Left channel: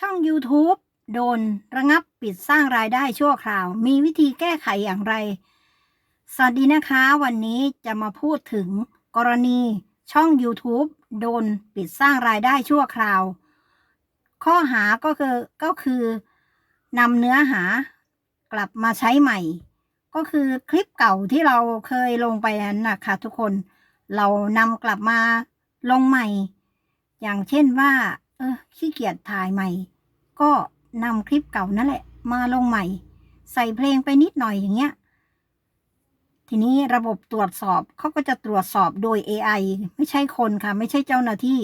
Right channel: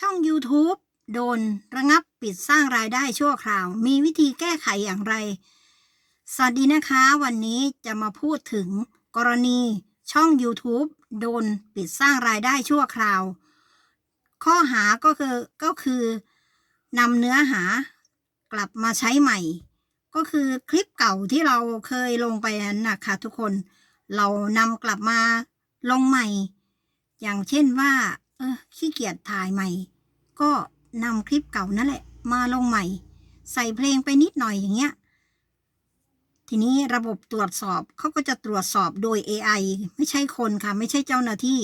ช่อง YouTube โดนระงับปิดสร้างรายได้ชั่วคราว มีวิธีแก้ไขอย่างไร สวัสดีนะคะ วันนี้จะมาพูดถึงกรณีช่อง YouTube โดนปิดสร้างรายได้ชั่วคราว ข้อหาก็คือก็คือนำเนื้อหากลับมาใช้ใหม่ ก็คือคลิปเก่าที่เราเคยลงไปนั้นนะคะทุกคน เรานำกลับมาลงใหม่ อย่างเช่นว่า เออขี้เกียจถ่ายใหม่ ก็นำคลิปเก่านั่นแหละ มาลงใหม่ ใส่เพลงไปนิดหน่อยอย่างเงี้ย ทีนี้ระบบตรวจสอบเขาก็จะตรวจสอบโดย AI ไม่ใช่คนค่ะ ไม่ใช่เจ้าหน้าที่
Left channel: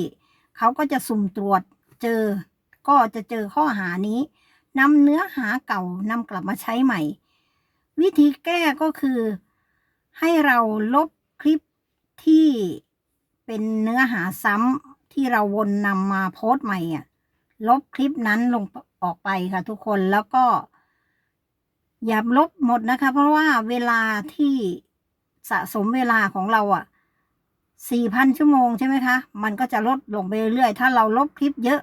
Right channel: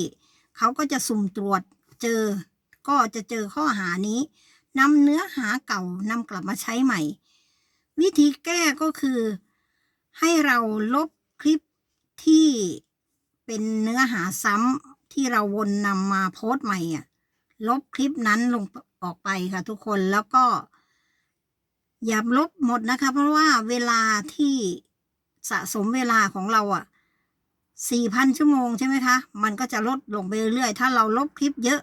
เขาก็จะสุ่มตรวจเจอ ก็จะเจอข้อหานี้นำเนื้อหาเก่านำกลับมาใช้ใหม่ วิธีแก้ก็คือ ให้เราลบคลิปที่เป็นเนื้อหาซ้ำ ที่เราวนนำมาโพสต์ใหม่อะ ลบคลิปนั้นลงออกไปค่ะ ทุกคนแล้วก็ อย่าลบหมดนะคะ เพราะว่าเวลาที่สะสมเวลาของเราอะสี่พันชั่วโมงใช่ไหมคะ มันก็จะลดลงไปเรื่อยๆ ถ้าเราลบคลิปเยอะ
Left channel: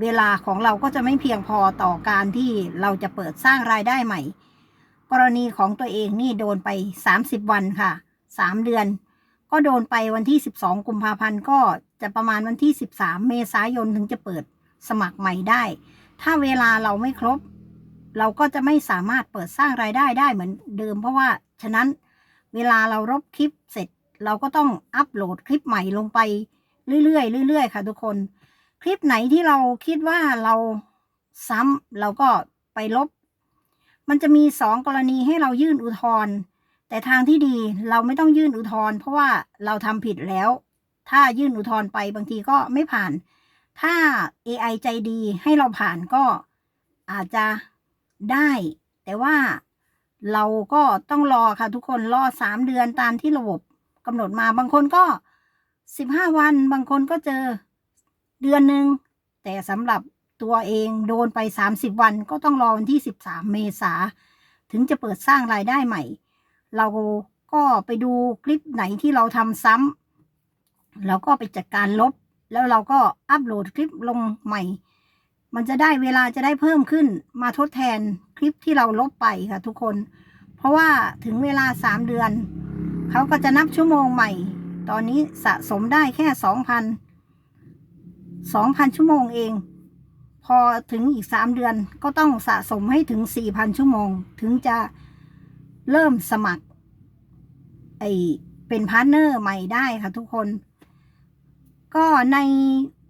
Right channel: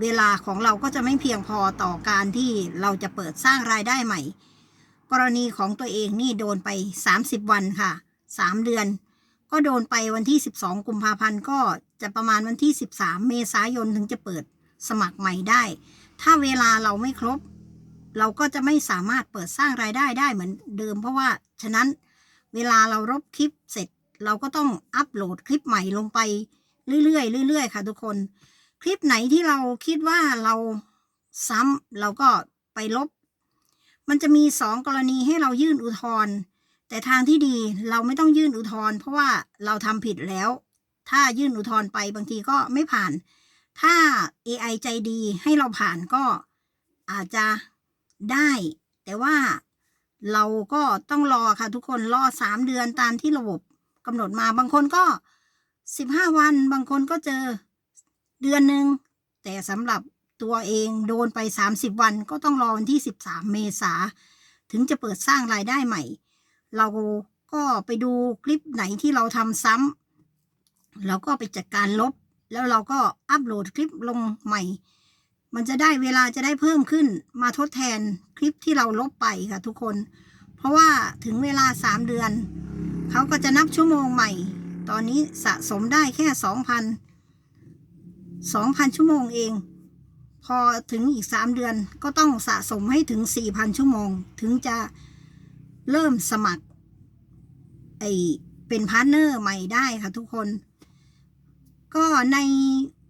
เวลาของเราก็จะไม่เพียงพอต่อการที่เราจะเปิดสร้างรายได้ใหม่ กรณีของตัวเองนี่โดนไป 30 วันค่ะ 3 เดือน ก็โดนไปวันที่ 12 กุมภาพันธ์ก็จะประมาณวันที่ 13 เมษายนถึงจะเปิดสมัครใหม่ได้ ถ้าเวลาเราไม่ครบ เราก็จะไม่สามารถเปิดสร้างรายได้ได้เหมือนเดิม เพราะว่าฉะนั้นเวลาเราลบคลิปเสร็จ เราก็ต้องอัปโหลดคลิปใหม่ลงไปเรื่อยๆเรื่อยๆค่ะทุกคน คลิปไหนที่เราคิดว่าเราซ้ำเราก็ไปลบ มันจะมีสองกรณีให้เรายื่นอุทธรณ์ แต่ทางที่ดีเราไม่ต้องยื่นอุทธรณ์เพราะว่าเราทำผิดแล้ว ถ้ายื่นอุทธรณ์ไปบางทีก็ไม่ผ่าน ถ้า AI ใจดีให้เราผ่านก็อาจจะได้ แต่ว่าเราก็ต้องรอค่ะทุกคนรอสามเดือนตามที่ระบบกำหนดมาบางคนก็สิบห้าวัน บางคนก็เจอเดือนหนึ่งแต่สำหรับตัวเองโดนไป30วัน ก็ต้องรอวันที่13เมษาถึงจะเปิดสร้างรายได้ใหม่ เราก็ไปดูคลิปไหนที่เราทำซ้ำเราก็ไปจัดการลบ แล้วเราก็อัปโหลดคลิปลงใหม่ มันจะได้เวลาจะได้เพิ่มขึ้นมาทดแทนคลิปที่เราลบไปค่ะทุกคน เพราะว่าถึงเวลา 3 เดือน เขาก็จะนับชั่วโมงใหม่ ตอนนี้สะสมได้แค่ 2,000 2,000 ชั่วโมงเองพอถึงอีก 3 เดือนก็ต้องสะสมให้ถึง 4,000 ชั่วโมง ถึงจะ เริ่มสมัครไอเป็นพาร์ทเนอร์ใหม่ได้ค่ะทุกคน ก็ใน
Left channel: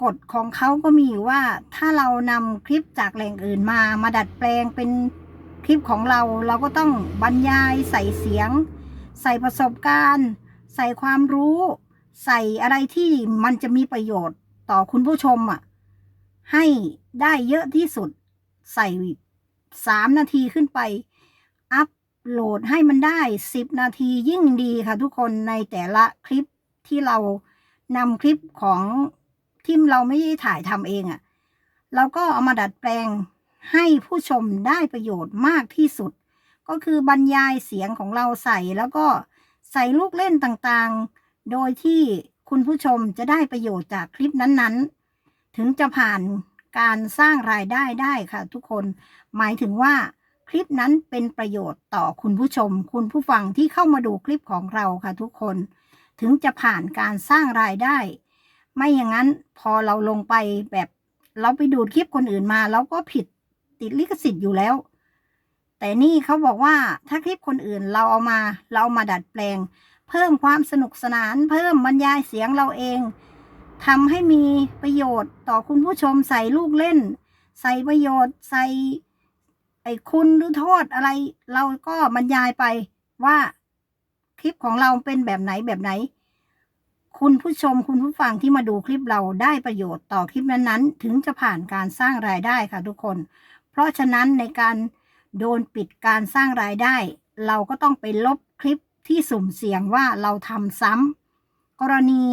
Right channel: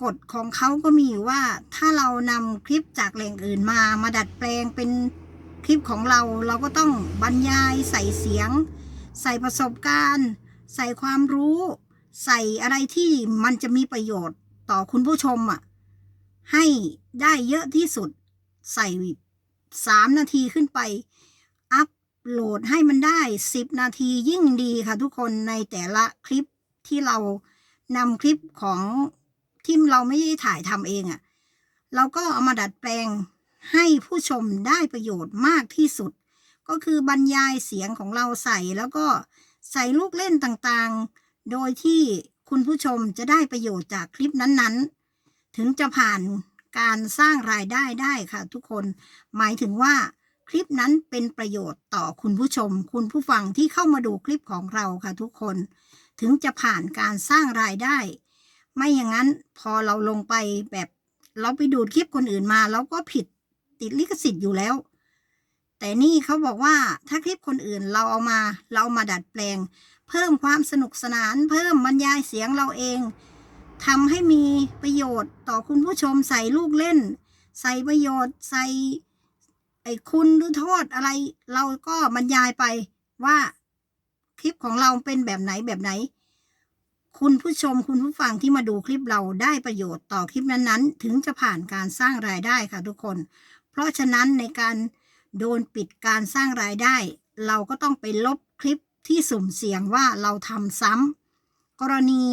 กฎของเขาก็มีอยู่ว่าถ้าเรานำคลิปจากแหล่งอื่นมามาดัดแปลงเป็นคลิปของเราเราก็ต้องบรรยายใส่เสียง ใส่ประสบการณ์ ใส่ความรู้ ใส่อะไรที่มันจะมีประโยชน์ต่อคุณผู้ชมอะให้ได้เยอะที่สุดใส่สามนาทีขึ้นไป อัพ โหลดให้มันได้สิบนาทียิ่งดีค่ะทุกคนในแต่ละคลิปที่เรานำคลิปของที่เราไม่ได้ถ่ายทำเองอะ่ะเราก็เอามาดัดแปลงให้ผู้ชมได้ประโยชน์มากที่สุด ก็คือบรรยายเสียงของเราใส่แล้วก็ใส่ลูกเล่นต่างๆ โดยที่คุณผู้ชมจะได้ประโยชน์จากคลิปนั้นๆ ถึงจะผ่านการสร้างรายได้ได้ค่ะทุกคน หมายถึงว่า คลิปนั้นเป็นประโยชน์ต่อคุณผู้ชม คุณผู้ฟังที่เข้ามาดูคลิปของเราค่ะทุกคน ถึงจะผ่านการสร้างรายได้ ไม่อย่างนั้นพอเราลงไปแบบเราไปดูดคลิปคนอื่นมาเราก็ผิดติดลิขสิทธิ์อยู่แล้ว แต่นี่เขาบอกว่าถ้าคลิปคนอื่นเราเอามาเราเอามาดัดแปลง เพิ่มความสนุกสนาน เพิ่มบรรยายเสียงเราเองทำให้มีประโยชน์ต่อคุณผู้ชมใส่ลูกเล่น ใส่ประโยชน์ใส่ ไอ้คุณหรือโทษอะไร เราก็บรรยายไปว่าคลิปของเราเป็นแบบไหนแบบไหน คุณผู้ชมคุณผู้ฟังที่มาดูคลิปเราได้ประโยชน์ต่อคลิปนั้นๆ ถึงจะผ่านการสร้างรายได้ค่ะทุกคน เพราะฉะนั้นในการโดนปิดการสร้างรายได้ เราก็ต้องไปลบคลิปที่สุ่มเสี่ยงว่าเราทำซ้ำกรณี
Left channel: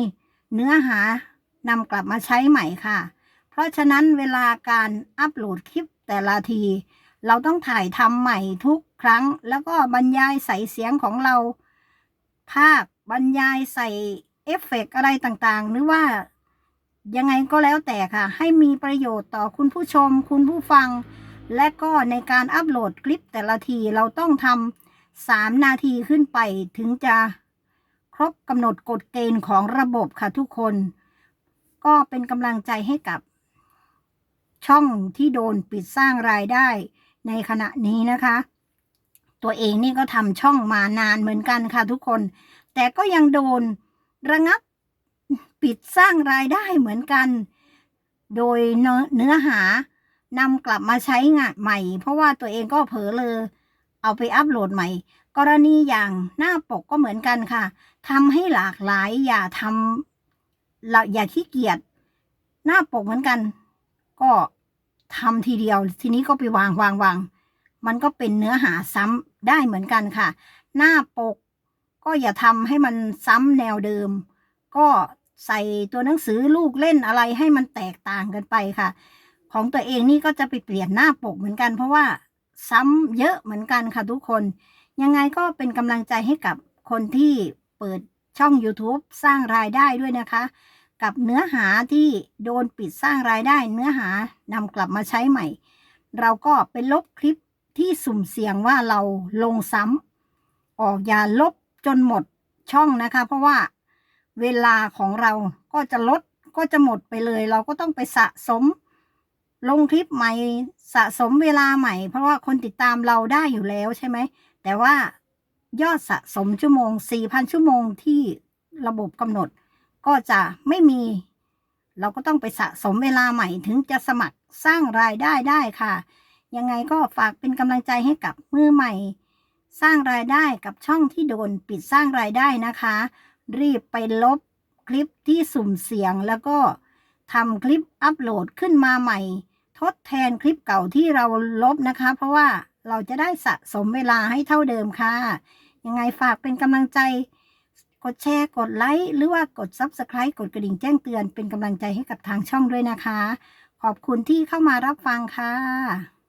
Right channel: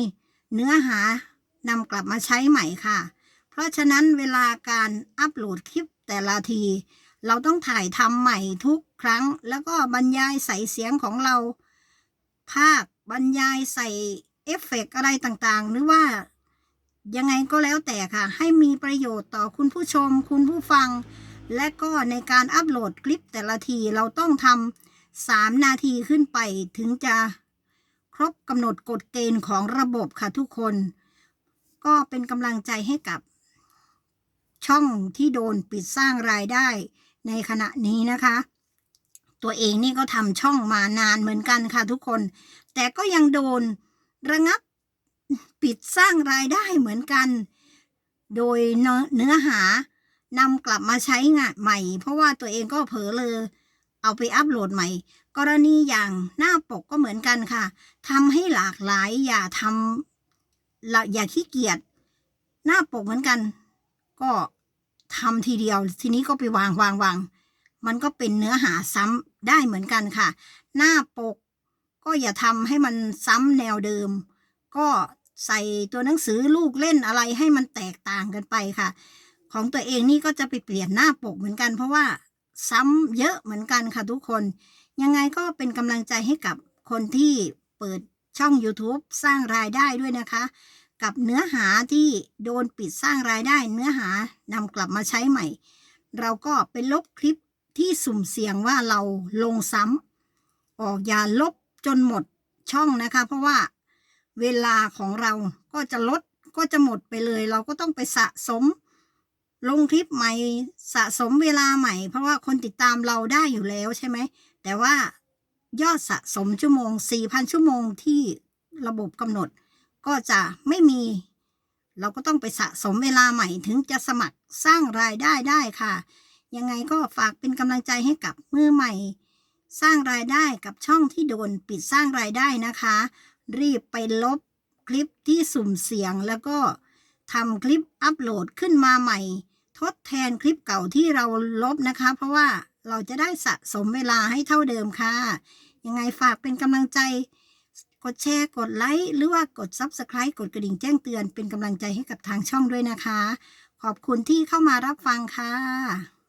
เนื้อหานำกลับมาใช้ใหม่ค่ะ เพราะฉะนั้นเวลาการอัปโหลดคลิปแต่ละที เราต้องถ่ายทำใหม่ทุกครั้ง แล้วก็บรรยายใส่เสียงของเรา ภาคบรรยายใส่เอฟเฟกต์อะไรต่างๆ หรือว่ายังไงก็แล้วแต่ค่ะ ให้มีประโยชน์ต่อคุณผู้ชม คุณผู้ฟัง และก็ในการอัปโหลดคลิปแต่ละทีเราต้องทำสามนาทีขึ้นไปถึงจะครบกำหนดกฎเกณฑ์ของระบบค่ะทุกคน ก็เป็นกำลังใจให้กับช่องที่โดนปิดสร้างรายได้ ในขณะนี้นะคะ ตัวเองนี่ก็ทำช่องมานานเหมือนกันค่ะทุกคน แต่ก็ยังโดนระงับปิดสร้างรายได้เหมือนกัน โดยเนื้อหานำกลับมาใช้งานใหม่ เพราะว่าตัวเองก็เผลอเลยเอาไปอัปโหลดใหม่ กรณีอย่างหน้าปกก็เหมือนกันค่ะทำให้หลากหลายอย่าทำอย่าขี้เกียจหน้าปกเหมือนกัน ก็ ทำทีเดียว ทีนี้ก็ไปวางวางวางมันก็เป็นเนื้อหาซ้ำได้เหมือนกันค่ะ หน้าปกก็อย่าทำให้มันซ้ำแนวเดิม ก็ใส่ตัวหนังสือลูกเล่นอะไรให้มันแตกต่างกันไปค่ะ ของตัวเองนี่ก็จะไปเปลี่ยนหน้าปกเหมือนกัน เพราะว่าซ้ำเยอะเหมือนกันค่ะทุกคน ยังไงก็เป็นกำลังใจให้กับคนที่เปิดช่อง YouTube สร้างรายได้ด้วยนะคะ กับเนื้อหาที่โดนปิดสร้างรายได้เนื้อหานำกลับมาใช้ใหม่ เราก็ไปลบคลิปที่สุ่มเสี่ยงว่าเราลงซ้ำออกอย่าลบจนหมดช่องนะคะ เพราะว่าเวลาของเราก็จะลดก็จะหมดไปเลย เราก็ต้องไปสะสม ลงคลิปใหม่สะสมเวลาใหม่ เพราะว่าคนติดตามเราได้อยู่แล้วใช่ไหม แต่ว่ายอดสะสมชั่วโมง 4,000 ชั่วโมงที่ระบบกำหนด ก็จะไม่มี เราก็ต้องไปสะสมเวลาใหม่ถึงจะสมัครสร้างรายได้ได้ค่ะ ยังไงก็ฝากเป็นกำลังใจให้กับมือใหม่ สร้างรายได้กับช่องที่โดนปิดสร้างรายได้นะคะ รีบไปลบคลิปที่สุ่มเสียงแล้วก็ทำคลิปอัปโหลดขึ้นมาใหม่ ทดแทนคลิปเก่าที่เราลบนะคะ เพราะว่าเราจะได้สะสมเวลาให้เท่าเดิมค่ะ ยังไงฝากเป็นกำลังใจ กดแชร์ กดไลค์ หรือว่ากด Subscribe กดกระดิ่งแจ้งเตือนเป็นกำลังใจให้กับทางช่องด้วยนะคะ ขอบคุณที่เข้ามารับฟังค่ะ